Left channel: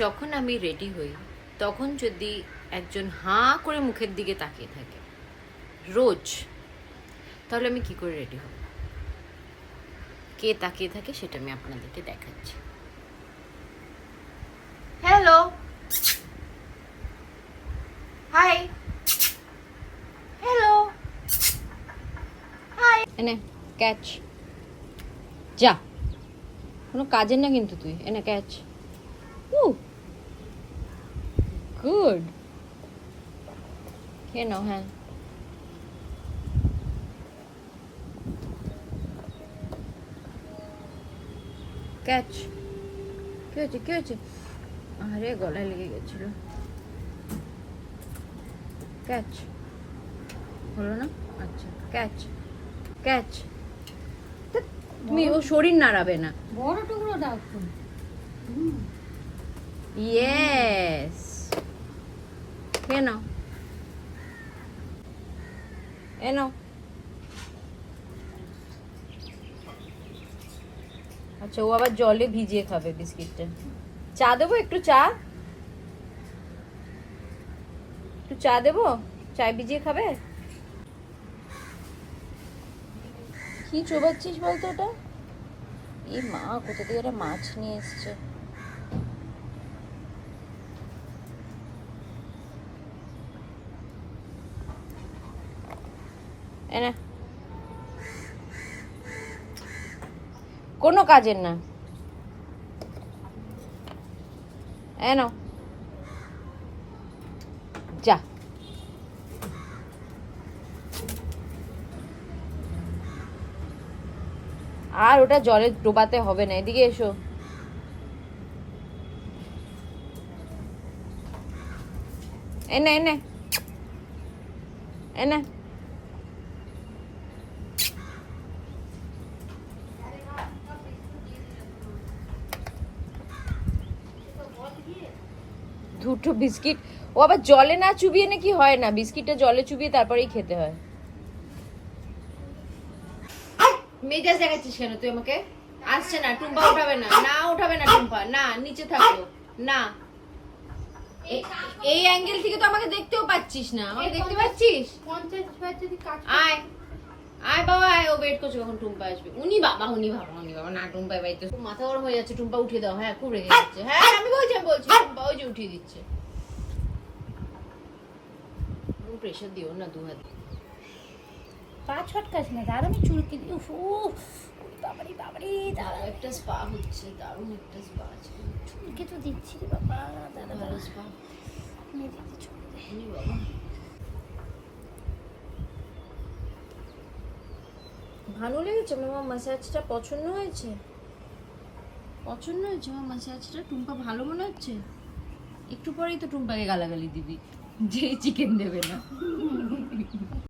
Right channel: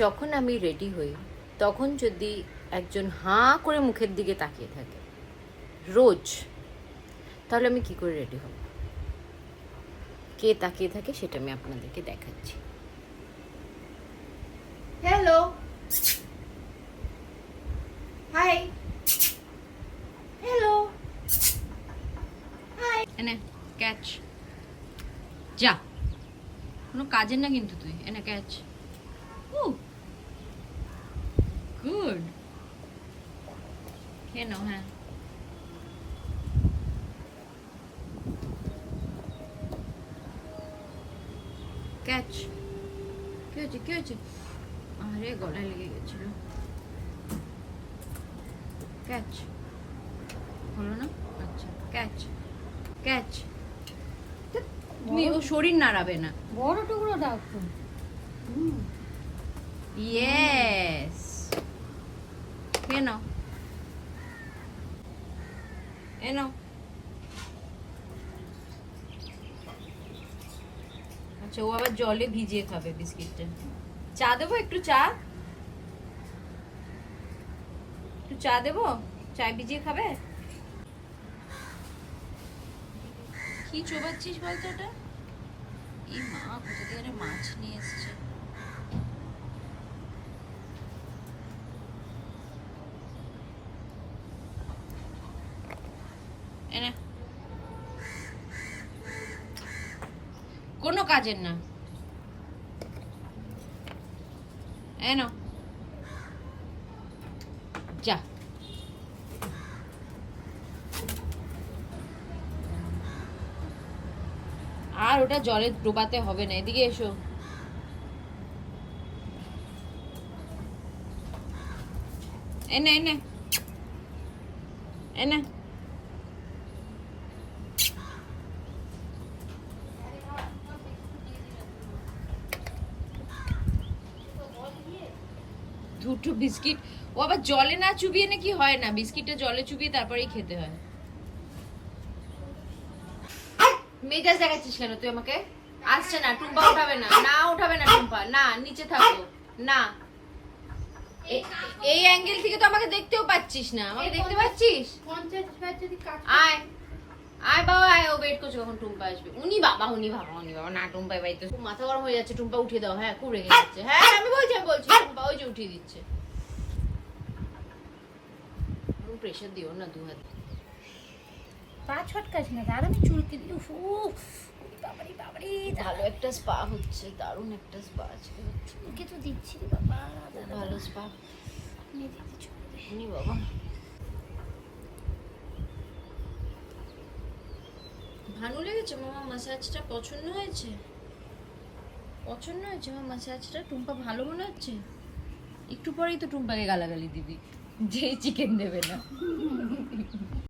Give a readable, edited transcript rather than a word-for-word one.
যখন আমি রেডি হই তখন যদি একজন হাঁ করে মুখের দিকে তাকিয়ে থাকে রোজ, তাহলে আমি কি করে রেডি হব? কে তাকিয়ে থাকে সেটা আমি আপনাদেরকে দেখাচ্ছি। Hello, hi, hello, hi. এনে ক্যাচ, যা, কোনো কাজের না কিন্তু তুই। এনে ক্যাচ। গুড, খেয়ে নাও। হ্যাঁ, ক্যাচ। কি হয়েছে, কি হয়েছে? আরে গলায় লেগে গেছিল। ক্যাচ হলো না? আচ্ছা, ক্যাচ ক্যাচ। তুমি ও শরীর নাড়াবে না। বড় টুকরো দাও তো। ইয়েস, খেয়ে নাও। এনো। আচ্ছা, ও আবার জলে ভিজিয়ে খাবে বিস্কিটটা। চা দেবো? একটু চা, একটু চা দেবো? চায় ভিজিয়ে খাবে? কি চোবাচ্ছিস বলতো ওটা? এই মা, কোথা থেকে একটা মাছ নিয়ে এসছে। এনে, কোনো কাজের না। এনো, যা। আর ওটা জলে ডোবাতে হবে না। এদিকে এসো। এনে এনে এনে। দুটো বিস্কিট ও আবার জলে না চুবিয়ে নাকি হয় না, বিস্কিটটা জলে চুবিয়ে তারপরেই খেতে হয়। মেজাজ দেখাচ্ছিস কেন তুই আমাকে? আসছে না, টুম্পা উঠাবে না। না উঠাবে না টুম্পা, না, নিচে থাকো না। এই অ্যাঙ্গেল থেকে তো আমাকে দেখতেও পাচ্ছিস না। আমাকে দেখতে পাচ্ছিস? আয় আয় বাবা, আয়। ও ওয়েট করছে কখন টুম্পা আসবে। উনি বাবা, উনি বাবা, উনি বাবা। না, টুম্পা বাই তো মাথা গরম হয়ে যাচ্ছে। টুম্পা উঠিয়ে দাও। হ্যাঁ, খুব রেগে যাচ্ছে। হ্যাঁ, আমি বলছি টুম্পা ওই যে উঠিয়ে দিচ্ছে। প্রেশার দিও না, দু হাত। পা ছটকাস না, আর আমি চুলকে দিই। বাবারি বাবারি, ভালো একটা স্পা হচ্ছে, দারুণ একটা স্পা আছে। চুলকে তো দিচ্ছি রে বাবা। ভালো স্পা। মেয়েদিকে চলবে। নি বাবা, ভালো লেগেছে মামা ম্যাসাজটা? পছন্দ হয়েছে? পছন্দ হয়েছে আমার ম্যাসাজটা? টুম্পা ভালো মনে হচ্ছে? একটু পরেই তো টুম্পাকে গালাগালি দিবি, যেই চিকেন দেবে না।